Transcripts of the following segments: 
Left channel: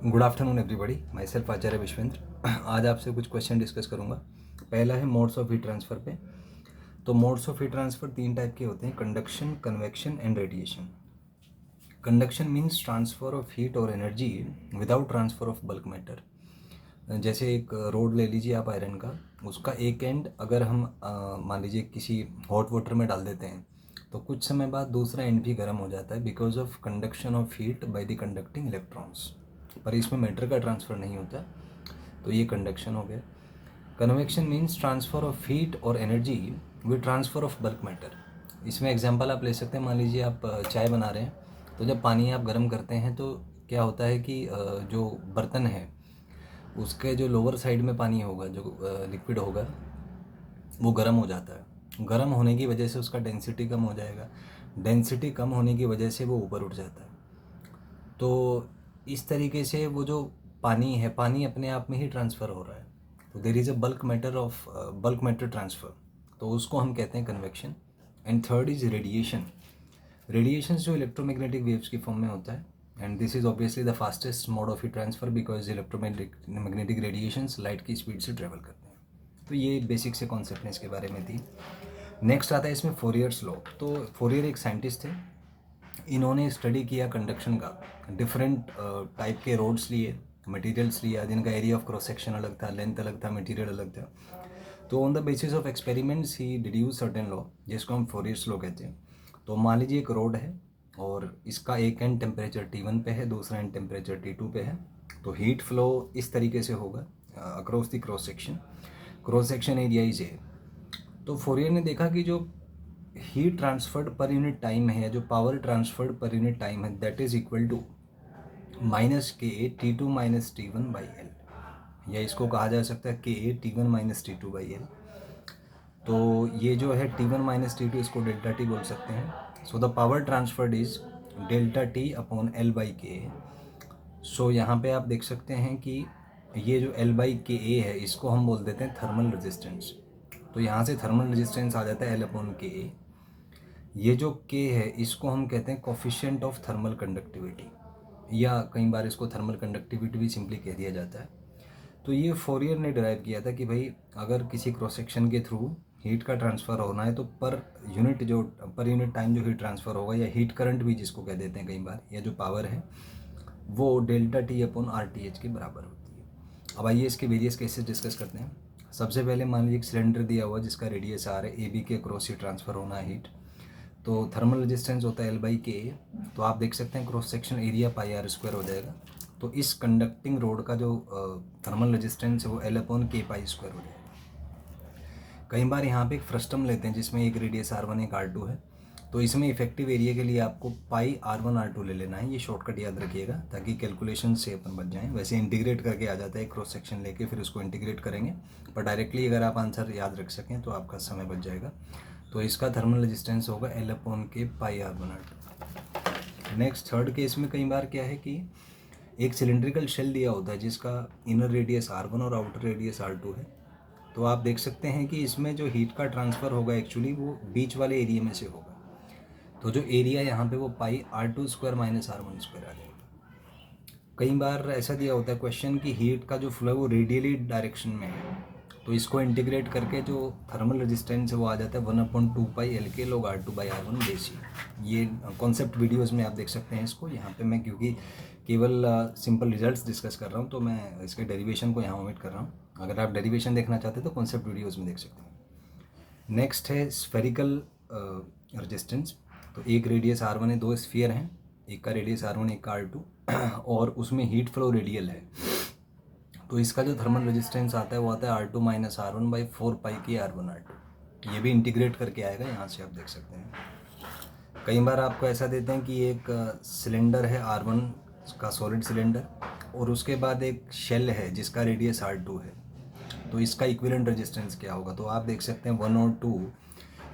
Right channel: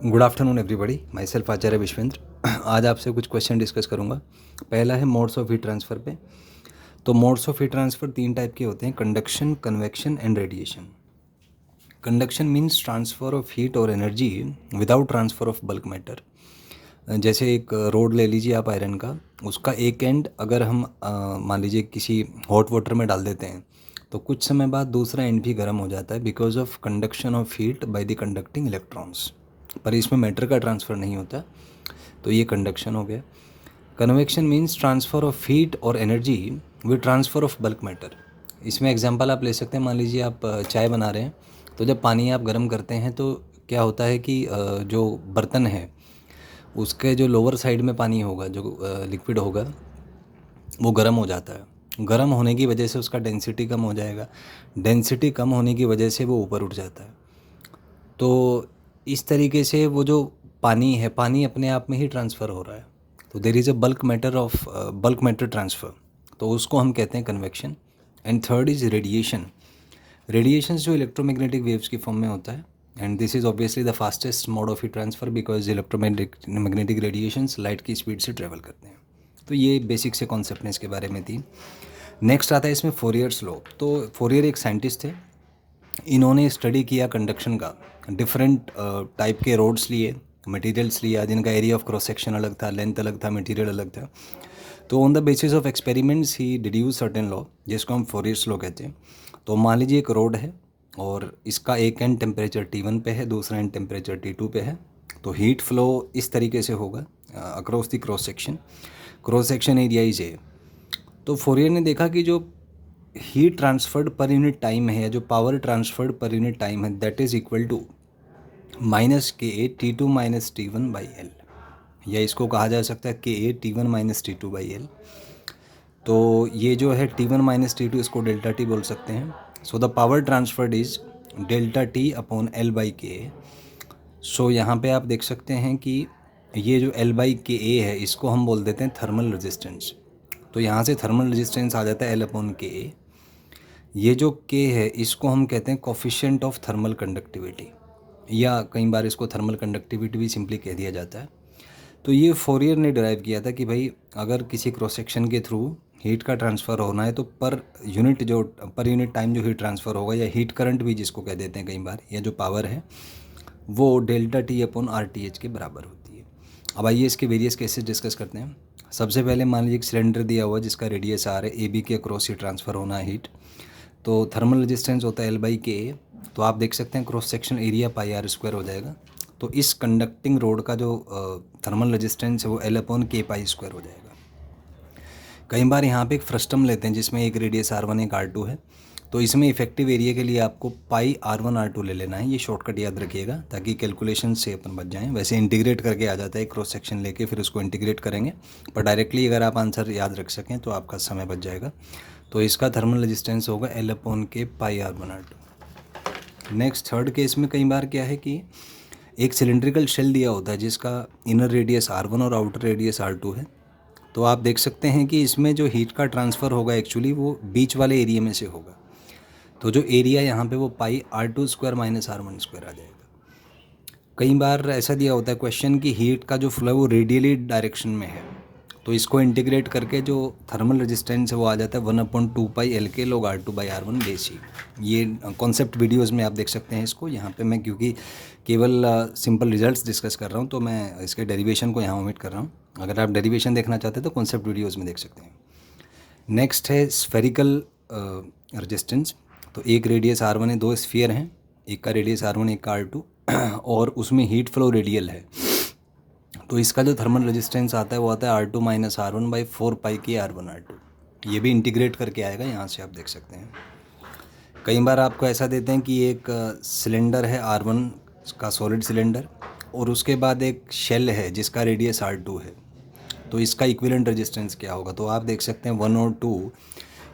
Good afternoon everybody, myself Acharya Vishwendra. आज आपसे कुछ क्वेश्चन डिस्कस करूंगा। पहला है मोड्स ऑफ हीट ट्रांसफ़र पे। तो मोड्स ऑफ हीट ट्रांसफ़र तीन टाइप के होते हैं: conduction, convection and radiation. Conduction means transfer of heat और energy without transfer of bulk matter. जैसे एक रोड ले लीजिए आप आयरन का, उसका एक एंड अगर हम मान लीजिए किसी हॉट वाटर में डाल देते हैं तो कुछ समय बाद दूसरा एंड भी गर्म हो जाता है because of conduction of heat by the conducting electrons. पर इसमें मैटर का ट्रांसफ़र नहीं होता, तो ये कंडक्शन हो गया। Convection means transfer of heat और energy with transfer of bulk matter. इसमें एग्जांपल आप ले सकते हैं। मान लीजिए आप चाय बना रहे हैं, तो जब पानी आप गर्म करते हैं तो क्या होता है कि जो बर्तन है उसके जो लोअर साइड में पानी होगा, जो लिक्विड होगा, वो गर्म हो जाता है। गर्म होने की वजह से उसका डेंसिटी कम हो जाएगा। डेंसिटी कम होने की वजह से वो ऊपर उठ जाता है। तो इस तरीके से वो जो पानी है, पानी अपने आप में ही ट्रांसफ़र हो रहा है। तो there is a bulk matter transfer, तो उसको हम कहते हैं convection. And third is radiation. Radiations जो इलेक्ट्रोमैग्नेटिक वेव्स की फॉर्म में होता है, and this is obviously the fastest mode of heat transfer because electromagnetic radiations light की स्पीड से ट्रेवल करते हैं। तो ये बेसिक से कॉन्सेप्ट ने इसके बारे में थी। नेक्स्ट आता है इसमें फोरियर्स लॉ। तो फोरियर एक साइंटिस्ट थे, इन्होंने स्टडी किया कंडक्शन का। डिफरेंट टाइप के रोड्स लिए, मटेरियल्स लिया, जिनका एरिया ऑफ क्रॉस सेक्शन अलग था, लेंथ अलग था, मटेरियल अलग था। तो on the basis of experiments he deduce certain law, जिसको हम फोरियर्स लॉ कहते हैं। तो मान लीजिए एक रोड है और इसका एक एंड टेम्परेचर T1 पे है, दूसरा एंड टेम्परेचर T2 पे है। तो हीट फ्लो इस तरीके से होगा across the cross section area is A. तो फोरियर ने देखा कि जो heat transferred per unit time है, या जो power transferred per unit time है, that is equal to -KA T2 - T1/L, या इसको कहा जा सकता है KA T1 - T2/L। तो ये जो है T1 - T2, इसको डेल्टा टी बोल सकते हैं। So the power transferred is delta T/L/KA। सो यहाँ पे आप देख सकते हैं कि ये जो L/KA है, इसको हम बोल देते हैं थर्मल रेजिस्टेंस। तो यहाँ से थर्मल रेजिस्टेंस आ जाता है L/KA। ये जो K है, इसको हम कहते हैं कोफिशिएंट ऑफ थर्मल कंडक्टिविटी, या कई बार इसको थर्मल कंडक्टिविटी भी सिंपली कह दिया जाता है। तो ये फोरियर ने डिराइव किया था कि भाई अगर किसी क्रॉस सेक्शन के थ्रू हीट का ट्रांसफ़र होना है तो पर यूनिट टाइम जो हीट ट्रांसफ़र होगा, या हीट करंट भी जिसको कह देते हैं कई बार, या जो पावर है, वो डेल्टा T/RTH के बराबर होती है। अब आइए इसके वेरियस केसेस डिस्कस करते हैं। सबसे पहले मान लीजिए एक सिलेंडर दिया हुआ जिसका रेडियस R है, AB के अक्रॉस ही ट्रांसफ़र होना है हीट। तो थर्मल रेजिस्टेंस होता है L/KA। तो आप देख सकते हैं क्रॉस सेक्शन एरिया πr² हो जाएगा। तो इस कंडक्टिंग रोड का जो थर्मल रेजिस्टेंस है वो L/K² हो जाएगा। कई बार यहाँ पे एक फ्रस्टम लेते हैं जिसमें एक रेडियस R1 एक R2 है। तो इसमें इफेक्टिव एरिया के लिए आपको πr1r2 ले लेना है। ये शॉर्टकट याद रखिएगा ताकि कैलकुलेशन से अपन बच जाएं। वैसे इंटीग्रेट करके आ जाता है, क्रॉस सेक्शन लेके फिर उसको इंटीग्रेट करेंगे, पर डायरेक्टली अगर आप आंसर याद रख सकें तो आपका समय बच जाएगा। तो इसका थर्मल रेजिस्टेंस होगा L/K πr1r2। Next third case में कई बार क्या है कि एक सिलेंड्रिकल शेल दिया होता है जिसका इनर रेडियस R1 और आउटर रेडियस R2 है। तो आप देख सकते हैं कि इसमें जो हीट का ट्रांसफ़र होगा एक्चुअली वो बीच वाले एरिया में से होगा। तो जो एरिया यहाँ पे वो πr2² - R1² आ जाएगा। कई बार ऐसा दिया होता है क्वेश्चन कि हीट का जो फ्लो है वो रेडियली डायरेक्शन में है, तो इसको इंटीग्रेट करके जो थर्मल रेजिस्टेंस है वो आ जाता है 1/2π log R2/R1 बेसी। ये कॉन्सेप्ट वीडियोस में आप देख सकते हैं इसको। यहाँ पे मैं क्योंकि केवल सिंपल रिजल्ट्स डिस्कस कर रहा हूँ तो मैं इसके डेरिवेशन को यहाँ ओमिट कर रहा हूँ। अगर आप डेरिवेशन देखना चाहते हैं तो कॉन्सेप्ट वीडियोज़ में देख सकते हैं। नेक्स्ट है स्फेरिकल रेजिस्टेंस। तो एक रेडियस R1 है, दो स्फीयर हैं, एक का रेडियस R1 एक का R2 और उसमें हीट फ्लो रेडियल है। तो इसका जो थर्मल रेजिस्टेंस आता है वो आता है R2 - R1/4πKr1R2। ये भी इंटीग्रेट करके आएगा, यहाँ से आप देख सकते हैं। कई बार आपको ऐसा देते हैं कि एक सिलेंडर है R1 का, सॉलिड सिलेंडर, और उसके बाद एक शेल है जिसका रेडियस R2 है। तो इसका इक्विवेलेंट रेजिस्टेंस क्या होगा? तो आप देख सकते हैं 1 और 2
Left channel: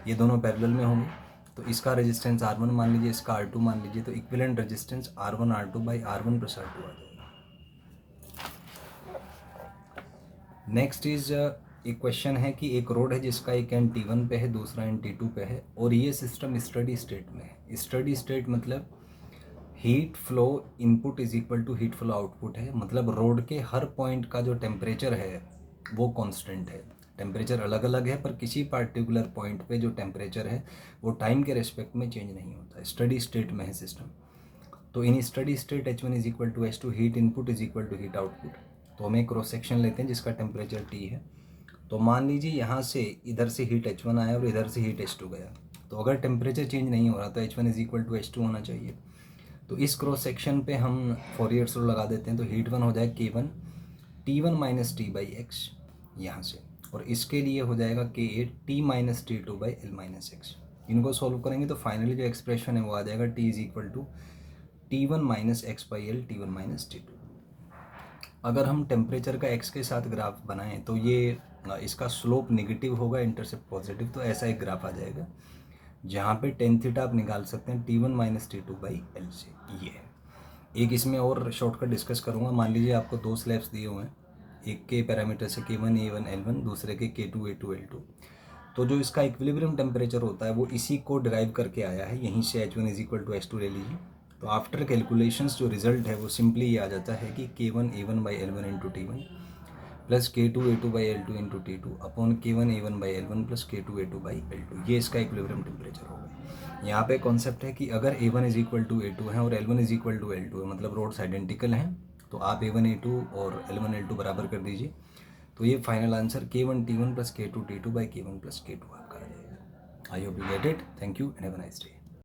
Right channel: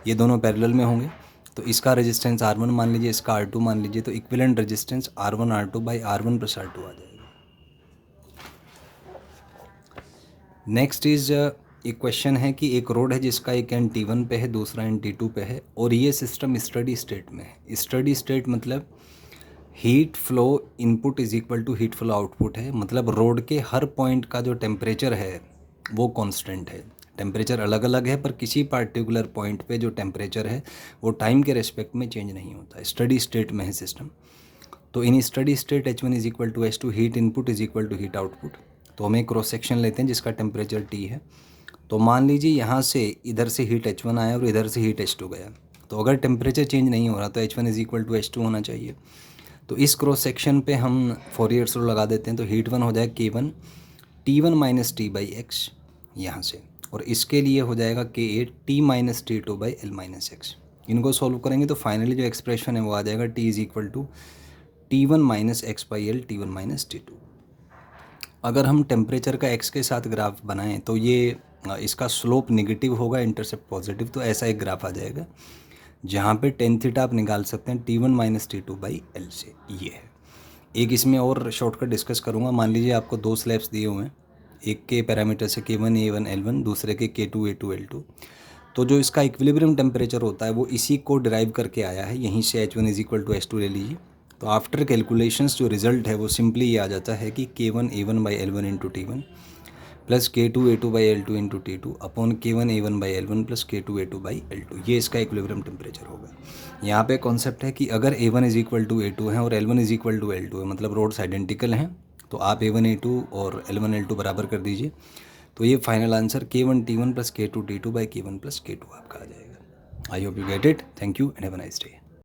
ये दोनों पैरेलल में होंगे। तो इसका रेजिस्टेंस R1 मान लीजिए, इसका R2 मान लीजिए, तो इक्विवेलेंट रेजिस्टेंस R1R2/R1 + R2 आ जाएगा। नेक्स्ट इज एक क्वेश्चन है कि एक रोड है जिसका एक एंड T1 पे है, दूसरा एंड T2 पे है, और ये सिस्टम स्टडी स्टेट में है। स्टडी स्टेट मतलब heat flow input is equal to heat flow output है, मतलब रोड के हर पॉइंट का जो टेम्परेचर है वो कांस्टेंट है। टेम्परेचर अलग अलग है पर किसी पार्टिकुलर पॉइंट पे जो टेम्परेचर है वो टाइम के रेस्पेक्ट में चेंज नहीं होता है, स्टडी स्टेट में है सिस्टम। तो in steady state H1 is equal to H2, heat input is equal to heat output. तो हम एक क्रॉस सेक्शन लेते हैं जिसका टेम्परेचर T है। तो मान लीजिए यहाँ से इधर से हीट H1 आया और इधर से हीट H2 गया। तो अगर टेम्परेचर चेंज नहीं हो रहा तो H1 is equal to H2 होना चाहिए। तो इस क्रॉस सेक्शन पे हम फोरियर रूल लगा देते हैं। तो हीट वन हो जाएगा K1 T1 minus T by x यहाँ से, और इसके लिए हो जाएगा K8 T minus T2 by L minus x. इनको सॉल्व करेंगे तो फाइनली जो एक्सप्रेशन है वो आ जाएगा T is equal to T1 minus x by L T1 minus T2। अगर हम टेम्परेचर का एक्स के साथ ग्राफ बनाएं तो ये इसका स्लोप नेगेटिव होगा, इंटरसेप्ट पॉजिटिव। तो ऐसा एक ग्राफ आ जाएगा जहाँ पे टेन थीटा आप निकाल सकते हैं T1 minus T2 by L से। ये है एक, इसमें और शॉर्टकट डिस्कस करूँगा। मान लीजिए आपको दो स्लैब्स दिए हुए हैं, एक के पैरामीटर से K1 A1 L1, दूसरे के K2 A2 L2। तो जो इसका इक्विलिब्रियम टेम्परेचर होता है वो इसी को डिराइव करके आया है, यहीं से H1 is equal to H2 ले लीजिए। तो आफ्टर कैलकुलेशंस जो रिजल्ट है वो सिंपली ये आ जाता है कि K1 A1 by L1 into T1 plus K2 A2 by L2 into T2 upon K1 A1 by L1 plus K2 A2 by L2। ये इसका इक्विलिब्रियम टेम्परेचर होगा। यहाँ पे कॉन्सेप्ट है कि अगर A1 is equal to A2 है और L1 is equal to L2 है, मतलब रोड्स आइडेंटिकल हैं, तो आप A1 A2 और L1 L2 बराबर कर दीजिए। तो ये final answer K1 T1 plus K2 T2 by K1 plus K2 आपका आ जाएगा। I hope you get it. Thank you and have a nice day.